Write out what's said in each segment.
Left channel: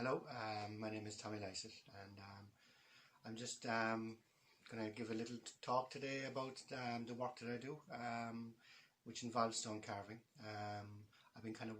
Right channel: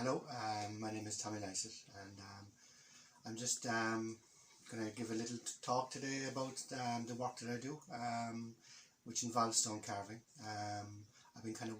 Hello, my name is Tommy Lysaght, and I'm just going to give a little talk today about the work that I do, which involves stone carving. I've been kind of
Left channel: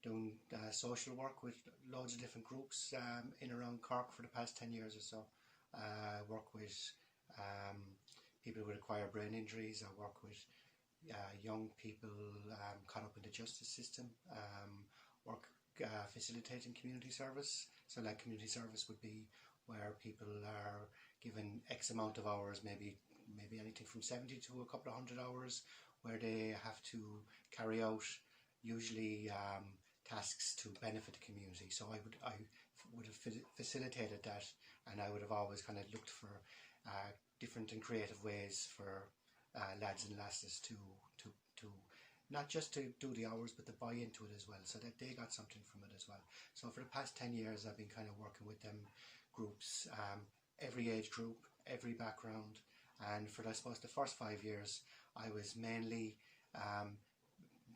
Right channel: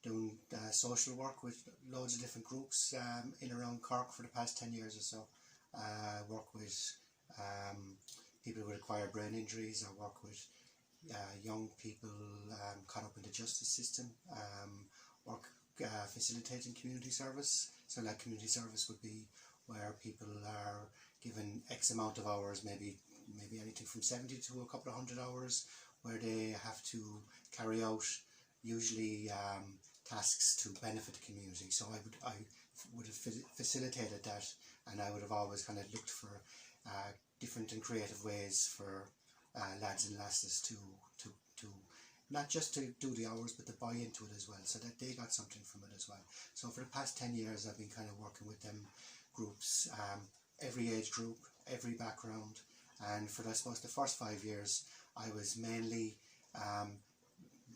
doing social work with loads of different groups in around Cork for the past 10 years or so. I work with people with acquired brain injuries. I work with young people caught up in the justice system, work facilitating community service. So like community service would be where people are given X amount of hours, maybe anything from 70 to a couple of hundred hours, where they have to carry out usually tasks to benefit the community. So I would have facilitated that, and I would have always kind of looked for different and creative ways for lads and lasses to not just to do the hours, but to buy into it as well, so that they got something from it as well. So for the past 10 years I've been kind of working with them groups, every age group, every background, and for I suppose the first 5 years I was mainly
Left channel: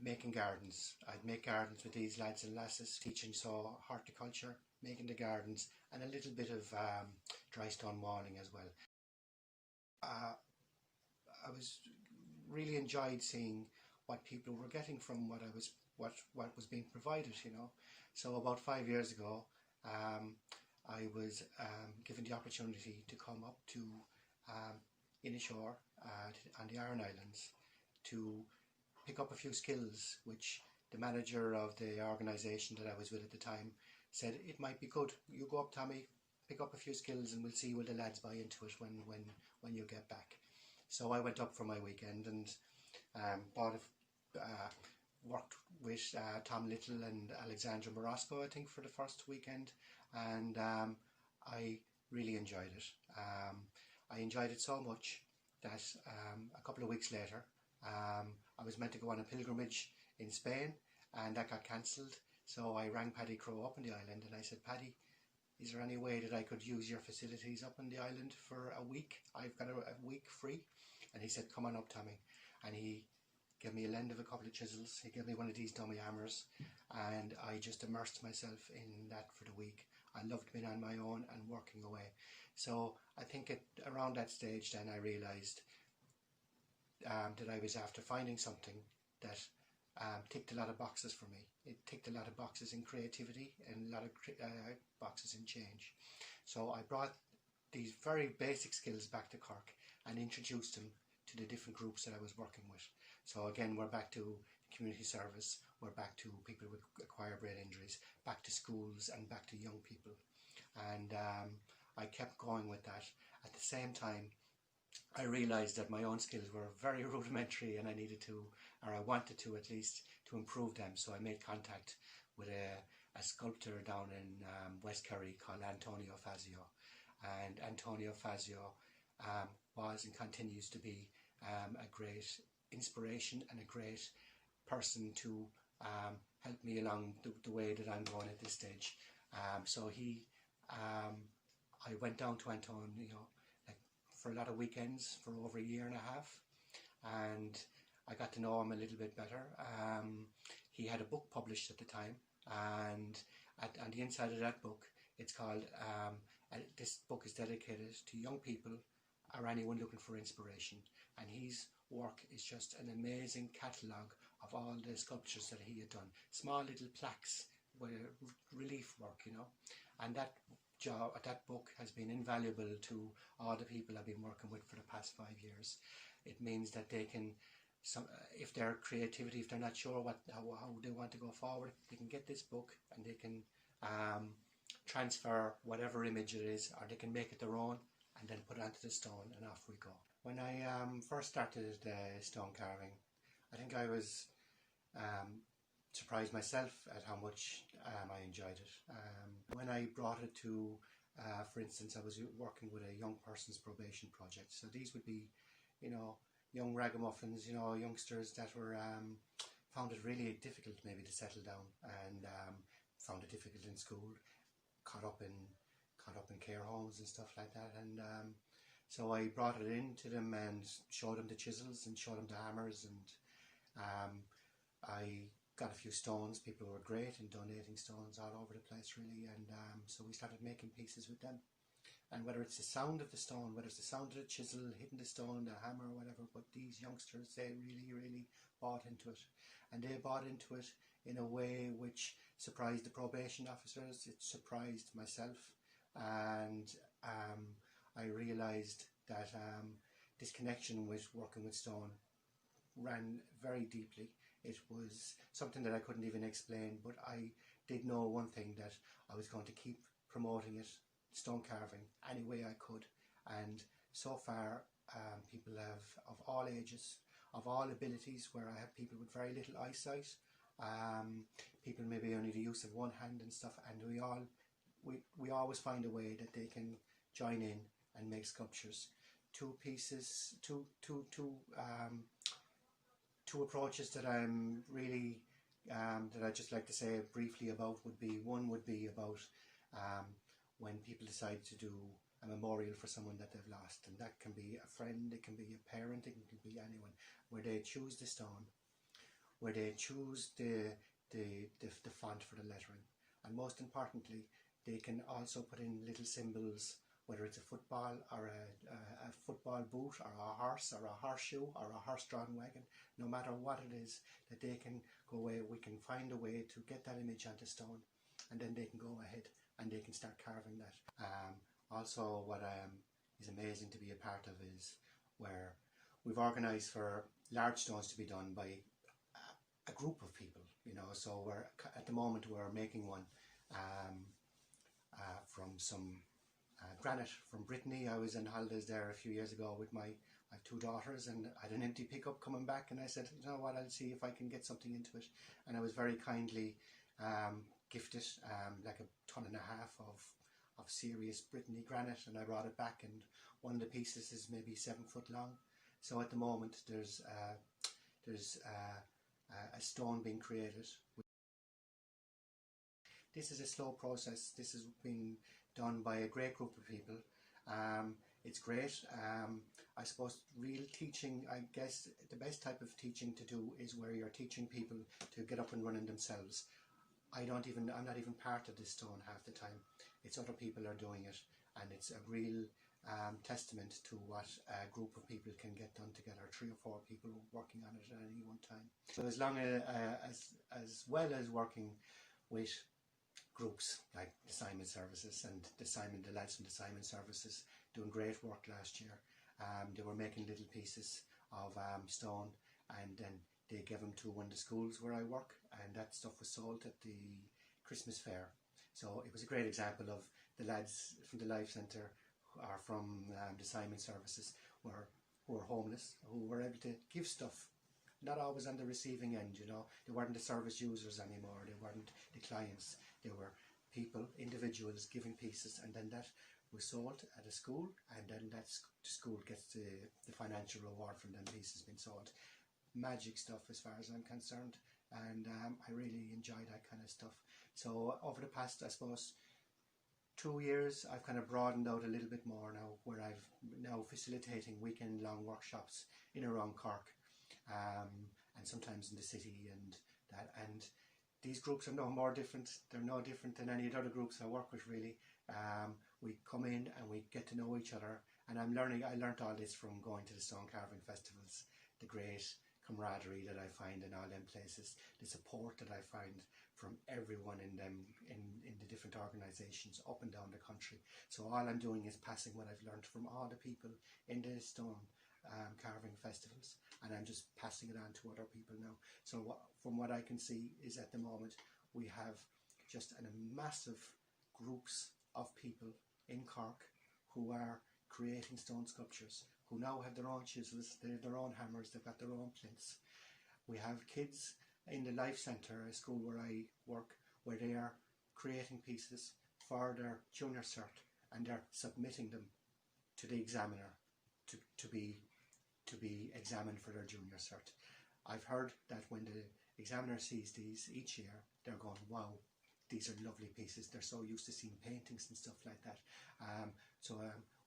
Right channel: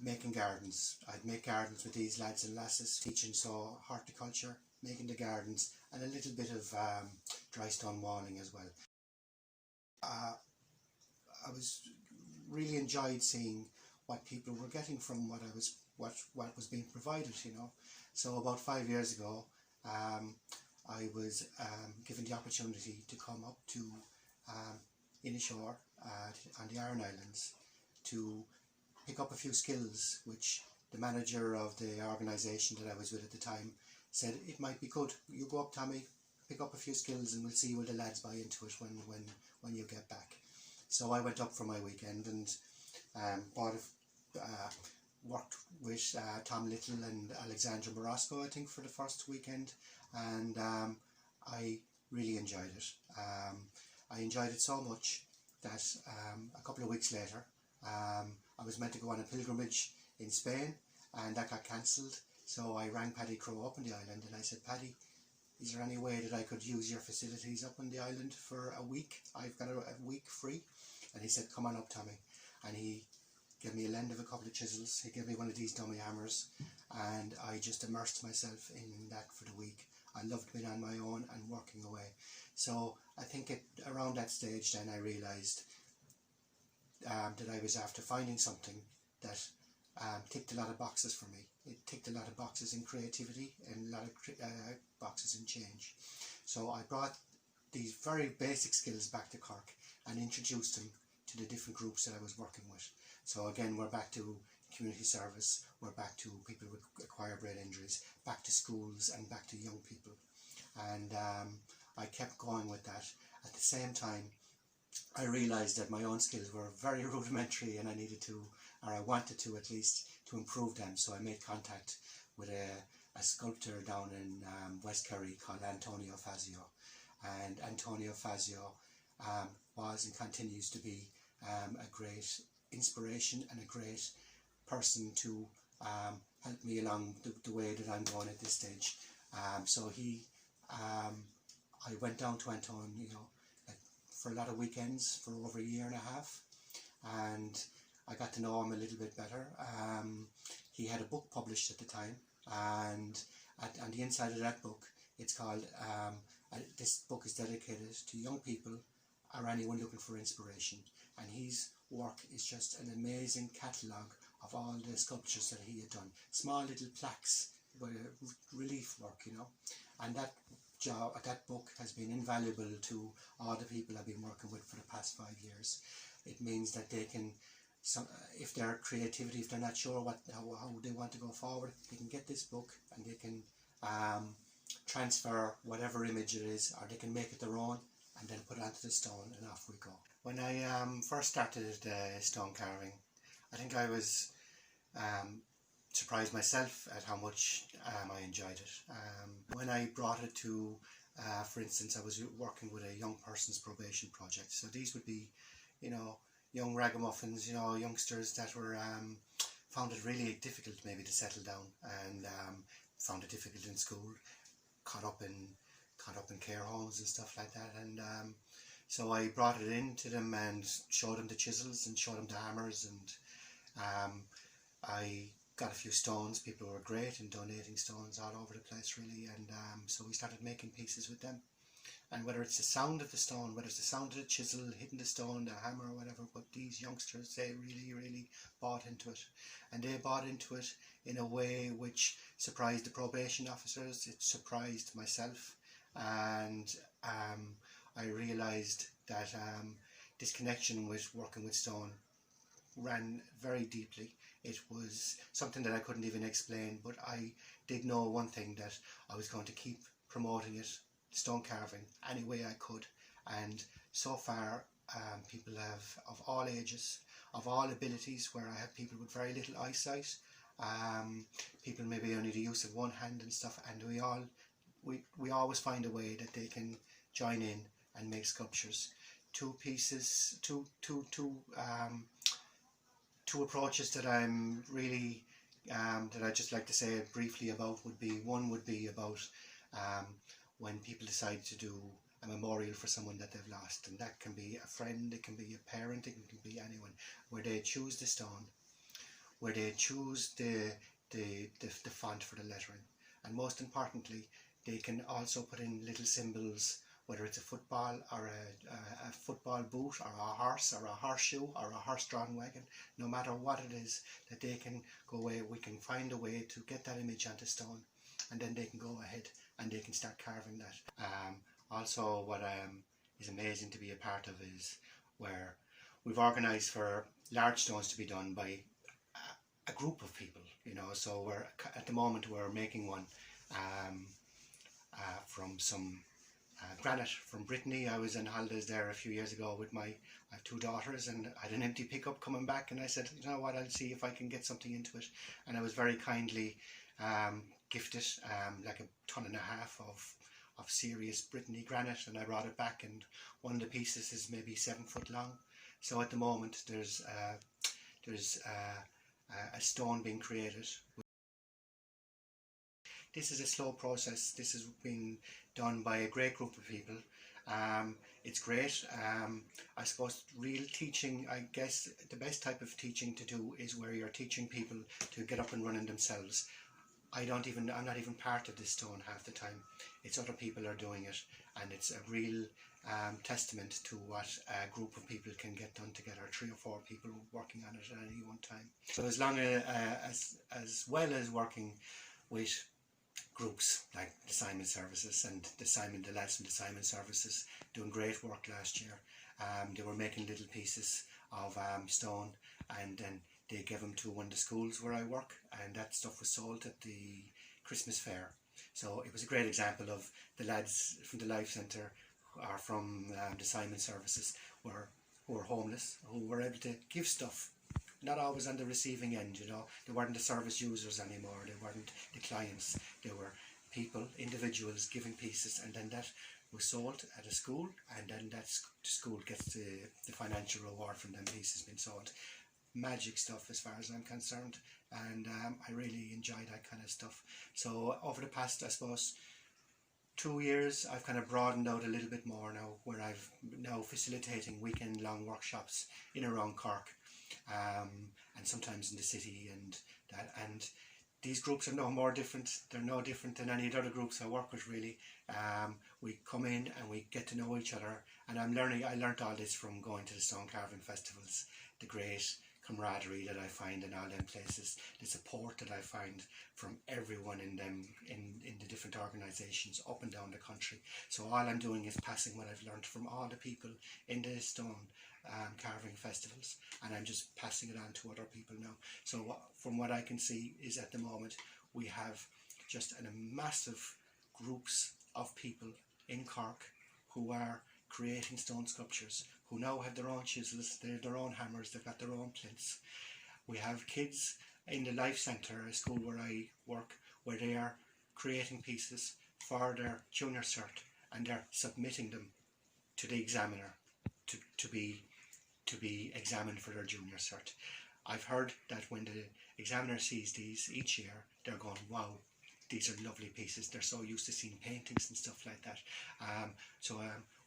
making gardens. I'd make gardens with these lads and lasses, teaching so horticulture, making the gardens, and a little bit of dry stone walling as well. I was really enjoyed seeing what people were getting from what was being provided, you know. So about 5 years ago, I was given the opportunity to come up to Inishore on the Aran Islands to pick up a few skills which the manager of the organisation that I was with at the time said it might be good. You go up, Tommy, pick up a few skills, and we'll see will the lads buy into it when you get back. So I went up for my weekend and worked with Tom Little and Alexandra Morosco, I think, for the first weekend, and I really enjoyed it. I enjoyed it so much that a couple of weeks later I was meant to go on a pilgrimage in Spain, and that got cancelled. So I rang Paddy Crowe up on the island and I said, Paddy, is there any way that I could use your facilities up on the island for a week? I've got a week free. And he said, come on up, Tommy. And he gave me a lend of a couple of chisels. He gave me one of these dummy hammers, and I just immersed myself in that for the week. I loved being on my own and working away. So I think around that stage then I realised that I was after finding something that ticked a lot of boxes for me. It ticked a lot of boxes in creativity and a lot of boxes in change. So I brought these very basic skills back to Cork and introduced them to the different groups that I was working with. So again, we're back to community service, we're back to people with acquired brain injuries, back to schools and back to young people. And I kept going with that. At the same time, I realised that my own skills were very rudimentary and I needed to, or I wanted to at least, to improve them. So I made contact with a sculptor down in West Kerry called Antonio Fazio. And Antonio Fazio was and continues to be a great inspiration and a great person to help me along the way that I'm going at this stage. So I went down to Antonio for a lot of weekends for over a year and a half, and I got to know him a little bit better. He had a book published at the time, and on the inside of that book, it's called, this book is dedicated to young people or anyone looking for inspiration, and his work is just an amazing catalogue of all the sculptures that he had done, small little plaques with relief work, you know. And that book has been invaluable to all the people I've been working with for the past 5 years. It means that they can, if their creativity, if they're not sure how they want to go forward, they can get this book and they can transfer whatever image it is, or they can make it their own and then put it onto the stone, and off we go. When I first started stone carving, I think I was surprised myself at how much I enjoyed it. When I brought it to, for instance, I was working with a young person's probation project. So these would be, you know, young ragamuffins, you know, youngsters that were found it really difficult maybe to settle down, and found it difficult in school, caught up in care homes and stuff like that. And so I brought it in to them and showed them the chisels and showed them the hammers, and I got a few stones. People were great in donating stones all over the place really, and so we started making pieces with them. And whether it's the sound of the stone, whether it's the sound of the chisel hitting the stone, the hammer or whatever, but these youngsters, they really bought into it. And they bought into it in a way which surprised the probation officers, it surprised myself, and I realised that this connection with working with stone ran very deeply. It was something that I couldn't even explain, but I did know one thing, that I was going to keep promoting it, stone carving, any way I could. And so far people have, of all ages, of all abilities, where I have people with very little eyesight, people maybe only the use of one hand and stuff, and we always find a way that they can join in and make sculptures. Two approaches that I'm really that I just like to say briefly about would be, one would be about when people decide to do a memorial for someone that they've lost, and that can be a friend, it can be a parent, it can be anyone, where they choose the stone, where they choose the font for the lettering, and most importantly they can also put in little symbols, whether it's a football or a football boot or a horse or a horseshoe or a horse-drawn wagon, no matter what it is, that they can go away, we can find a way to get that image onto stone, and then they can go ahead and they can start carving that. Also, what is amazing to be a part of is where we've organised for large stones to be done by a group of people, you know. So we're at the moment we're making one from some granite from Brittany. I was in holidays there a few years ago with I have two daughters, and I had an empty pickup coming back, and I said, you know what, I'll see if I can get something into it, and I was very kindly gifted like 1.5 tons of serious Brittany granite, and I brought it back, and one of the pieces is maybe 7 foot long. So at the moment there's a stone being created. This is a slow process. This has been done by a great group of people. It's great. I suppose real teaching, I guess the best type of teaching to do is where you're teaching people to get up and running themselves. I'm not even part of this stone half the time. It's other people are doing it, and it's a real testament to what a group of people can get done together, 3 or 4 people working on it at any one time. So as long as well as working with groups like the Simon Services and the lads from the Simon Services doing great work last year. They were making little pieces of stone, and then they gave them to one of the schools where I work, and that stuff was sold at the Christmas fair. So it was a great example of the lads from the Life Centre or from the Simon Services who were homeless, who were able to give stuff. Not always on the receiving end, you know. They weren't the service users anymore, they weren't the clients, they were people, individuals giving pieces, and then that was sold at a school, and then that school gets the financial reward from them pieces being sold. Magic stuff as far as I'm concerned, and I really enjoy that kind of stuff. So over the past, I suppose, 2 years, I've kind of broadened out a little bit more now, where I've now facilitating weekend long workshops in around Cork, and sometimes in the city, and these groups are no more different. They're no different than any other groups I work with, really. We come in and we get to know each other, and I learnt all this from going to the stone carving festivals, the great camaraderie that I find in all them places, the support that I find from everyone in the different organisations up and down the country. So all I'm doing is passing what I've learnt from all the people in the stone carving festivals, and I'm just passing it on to other people now. So from what I can see is at the moment we have just a massive groups of people in Cork who are creating stone sculptures, who now have their own chisels, they have their own hammers, they've got their own plinths. We have kids in the Life Centre, a school where I work, where they are creating pieces for their junior cert, and they're submitting them to the examiner to be examined for their junior cert. I've heard that when the examiner sees these each year, they're going, wow, these are lovely pieces. They're so used to seeing paintings and stuff like that.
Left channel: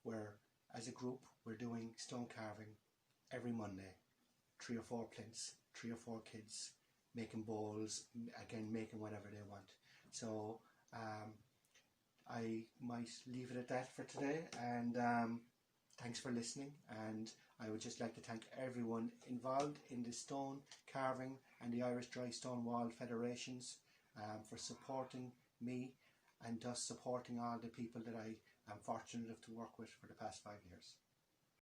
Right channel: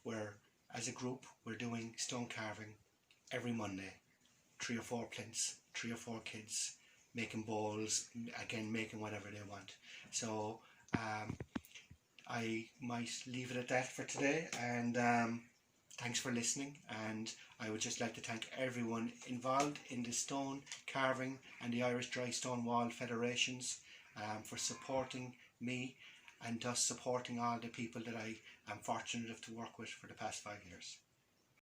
We're, as a group, we're doing stone carving every Monday. 3 or 4 plinths, 3 or 4 kids making bowls, again making whatever they want. So I might leave it at that for today, and thanks for listening. And I would just like to thank everyone involved in the stone carving and the Irish Dry Stone Wall Federations for supporting me, and thus supporting all the people that I am fortunate enough to work with for the past 5 years.